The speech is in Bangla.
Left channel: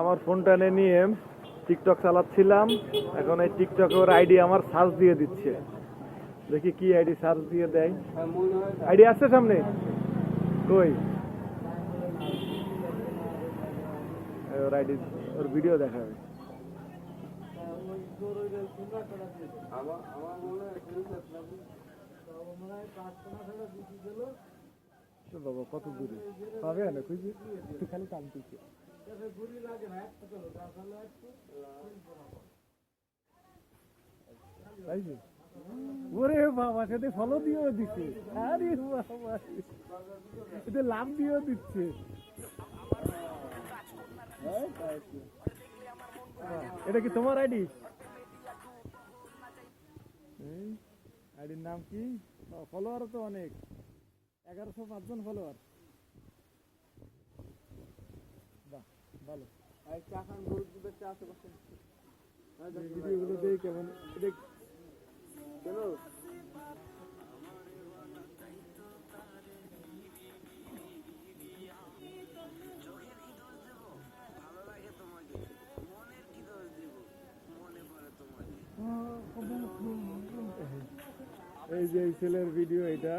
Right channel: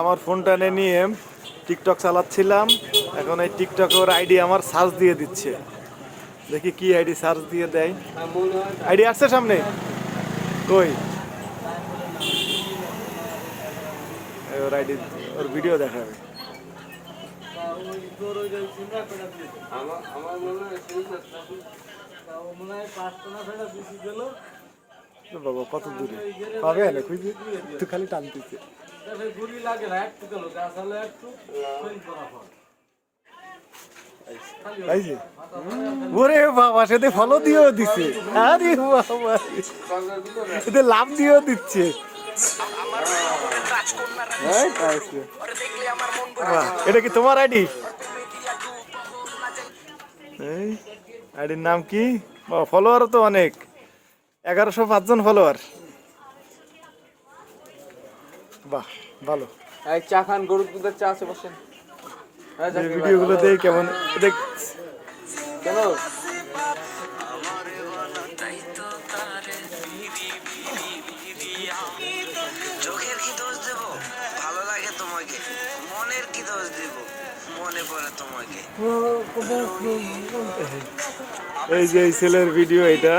আমার ফোনটা নিয়ে টিকটক চালাচ্ছিলাম। এখন এই টিকটকে ওর আইডি আমার সার্চ দিয়ে দিচ্ছে। দেখি কি আইডি সার্চ দিয়ে দেয়। আইডি আসছে সামনে, কই ওর আইডি, ওর ভিডিও দেখাবে। বাবা কত দূরে পাবে না, খুঁজে একটু খালি টানতেছে। ওরে বাবা, সেটা ফলো দিয়েও দিচ্ছে। আরে বাবা, এতে লাভ দিয়েও দিচ্ছে। এটা কি তোমার আইডি? আইডির নাম কি? ফলোয়ার তো অনেক, 1105 জন ফলোয়ার। বাহ ভালো। চা খান, গরুর দুধের চা আছে, বসেন। ভিডিওগুলো দেখ কেমন দেখ। কেন চোখের কি দোষ দেব? ভালো লাগে তোমাকে। মনের কি দোষ দেব? মনে পড়ে তোমাকে। এই যে এই ছেলের ভিডিও এটা।